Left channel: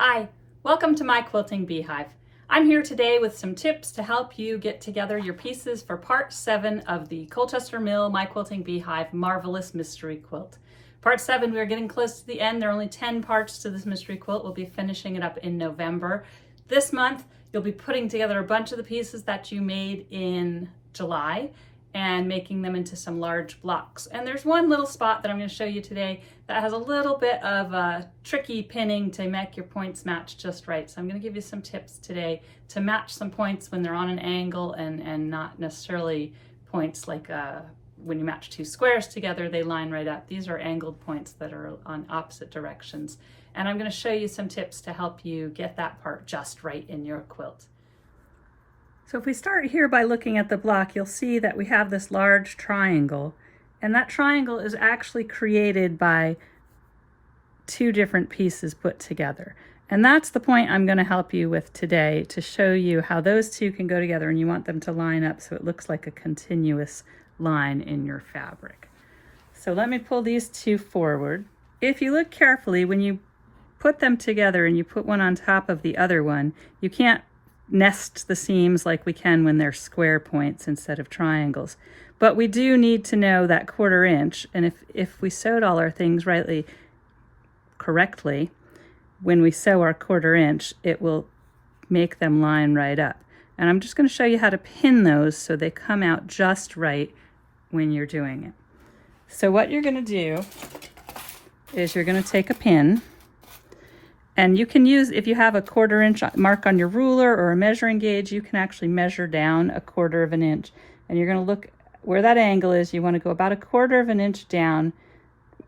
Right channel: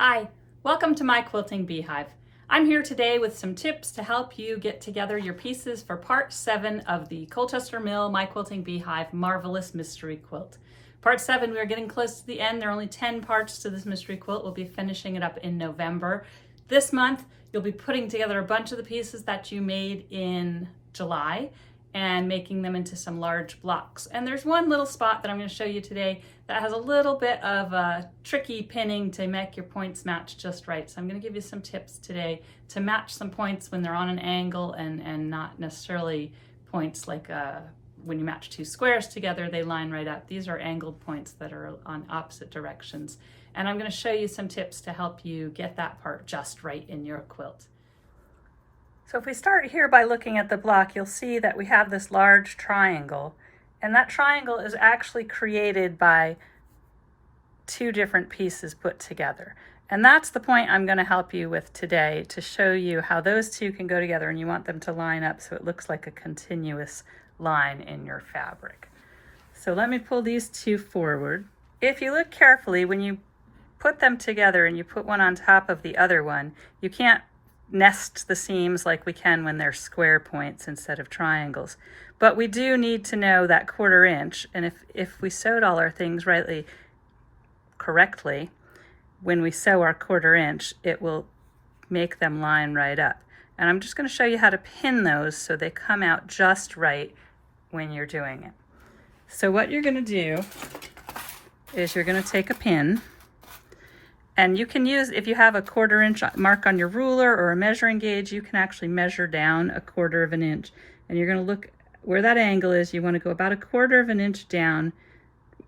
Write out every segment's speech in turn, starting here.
Hi, welcome to my quilting beehive. I'm here today with some tips to help you get together your pieces for part 7 of the Colchester Mill My Quilting Beehive Marvelous Mystery Quilt. Part 7, we are getting close to the end. There are only 10 parts to this mystery quilt. We'll be finishing it up in November. This month, you'll be putting together a bunch of the pieces that you made in July and making them into some large blocks. And there's one little spot that I'm going to show you today that has a little bit of tricky pinning to make your points match just right. So I'm going to give you some tips today to match some points when they're on an angle and not necessarily points like when you match two squares together, they line right up. These are angled points that are on opposite directions. And I'm going to show you some tips to help you get that part just right in your quilt. So if we start here by looking at the block, you'll see that we have this large triangle, and that triangle is actually created by two different pieces put together. And that's the point I'm going to help you with today, to show you how those two can go together, and you want them to line up so it looks like a continuous line in your fabric. So let me pull these two forward. If you look carefully, when you put them together and you put one on top of the other one, you can't nest the seams like we can when they're square points instead of triangles. But we do need to know that 1/4 inch, and if we sewed all our things correctly, when we sew our 1/4 inch, it will make them line right up. And I'm just going to show you how to pin those so they come out just right when you're doing it. So what you're going to do is you're going to take a pin, and you can use, if you have a 1/4 inch mark on your ruler or a measuring gauge, you can actually measure down 1/4 inch. And you're going to look where that angle is. You want to go about 1/4 inch down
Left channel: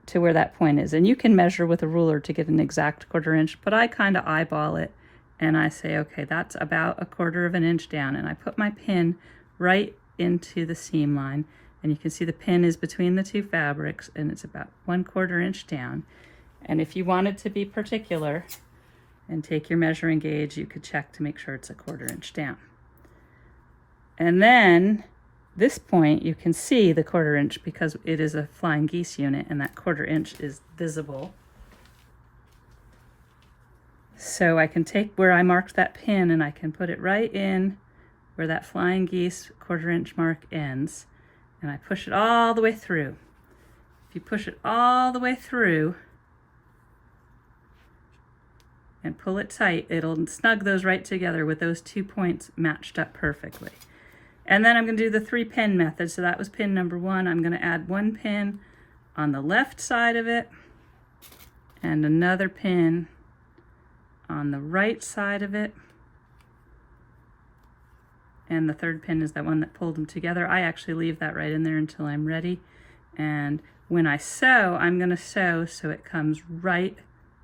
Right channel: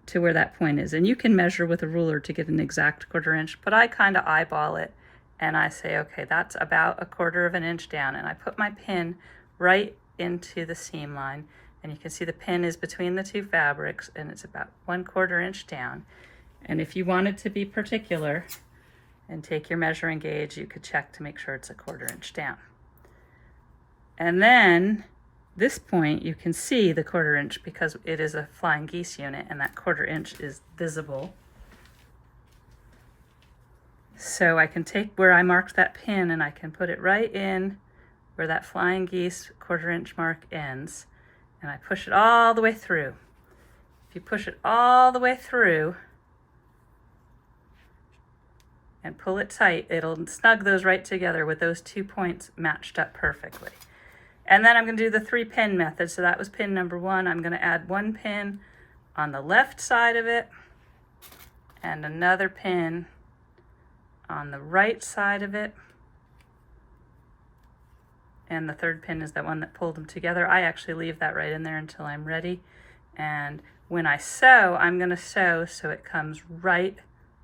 to where that point is. And you can measure with a ruler to get an exact 1/4 inch, but I kind of eyeball it and I say, okay, that's about 1/4 inch down. And I put my pin right into the seam line. And you can see the pin is between the two fabrics, and it's about 1/4 inch down. And if you wanted to be particular and take your measuring gauge, you could check to make sure it's 1/4 inch down. And then this point, you can see the 1/4 inch because it is a flying geese unit, and that 1/4 inch is visible. So I can take where I marked that pin and I can put it right in where that flying geese 1/4 inch mark ends, and I push it all the way through. If you push it all the way through and pull it tight, it'll snug those right together with those 2 points matched up perfectly. And then I'm going to do the 3-pin method. So that was pin number 1. I'm going to add 1 pin on the left side of it and another pin on the right side of it. And the 3rd pin is that one that pulled them together. I actually leave that right in there until I'm ready. And when I sew, I'm going to sew so it comes right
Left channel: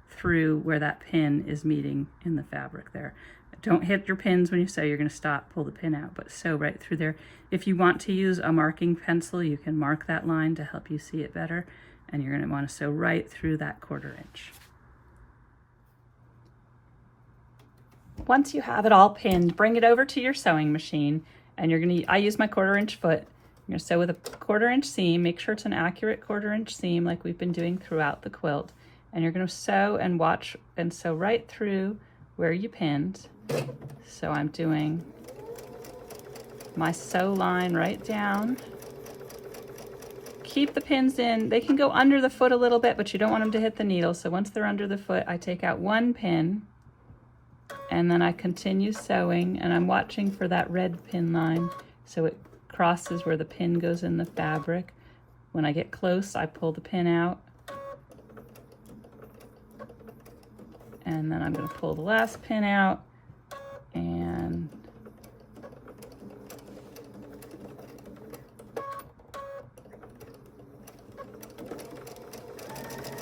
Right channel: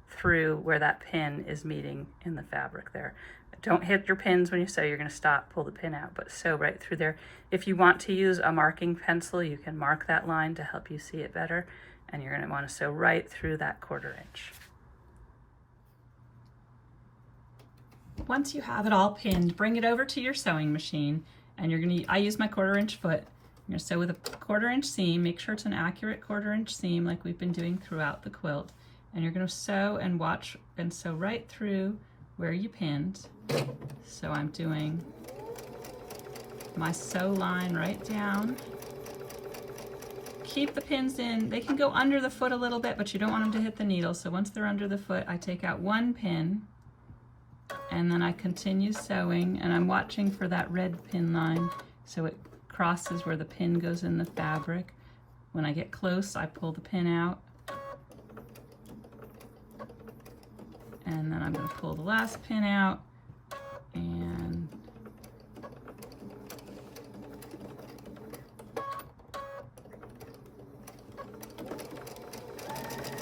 through where that pin is meeting in the fabric there. Don't hit your pins when you sew. You're going to stop, pull the pin out, but sew right through there. If you want to use a marking pencil, you can mark that line to help you see it better, and you're going to want to sew right through that 1/4 inch. Once you have it all pinned, bring it over to your sewing machine, and I use my 1/4 inch foot. I'm going to sew with a 1/4 inch seam. Make sure it's an accurate 1/4 inch seam like we've been doing throughout the quilt. And you're going to sew and watch and sew right through where you pinned. So I'm doing my sew line right down. Keep the pins in. They can go under the foot a little bit, but you don't want them to hit the needle. So once they're under the foot, I take out 1 pin, and then I continue sewing, and I'm watching for that red pin line so it crosses where the pin goes in the fabric. When I get close, I pull the pin out. And then I'm going to pull the last pin out and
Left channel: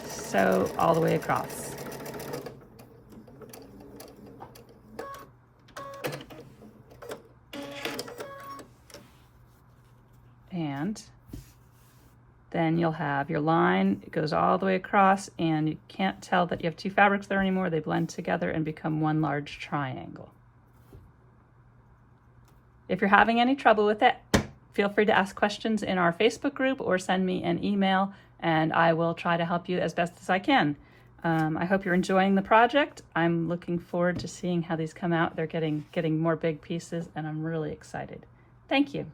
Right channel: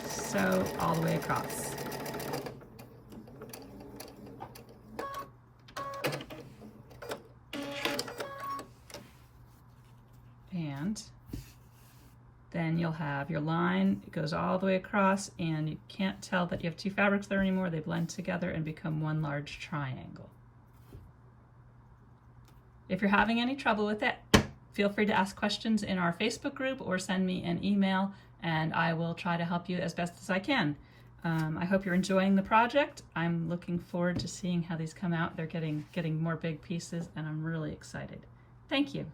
sew all the way across. And then you'll have your line, it goes all the way across, and you can't tell that you have 2 fabrics there anymore. They blend together and become one large triangle. If you're having any trouble with it, feel free to ask questions in our Facebook group or send me an email, and I will try to help you as best as I can. I hope you're enjoying the project. I'm looking forward to seeing how these come out. They're getting more big pieces, and I'm really excited. Thank you.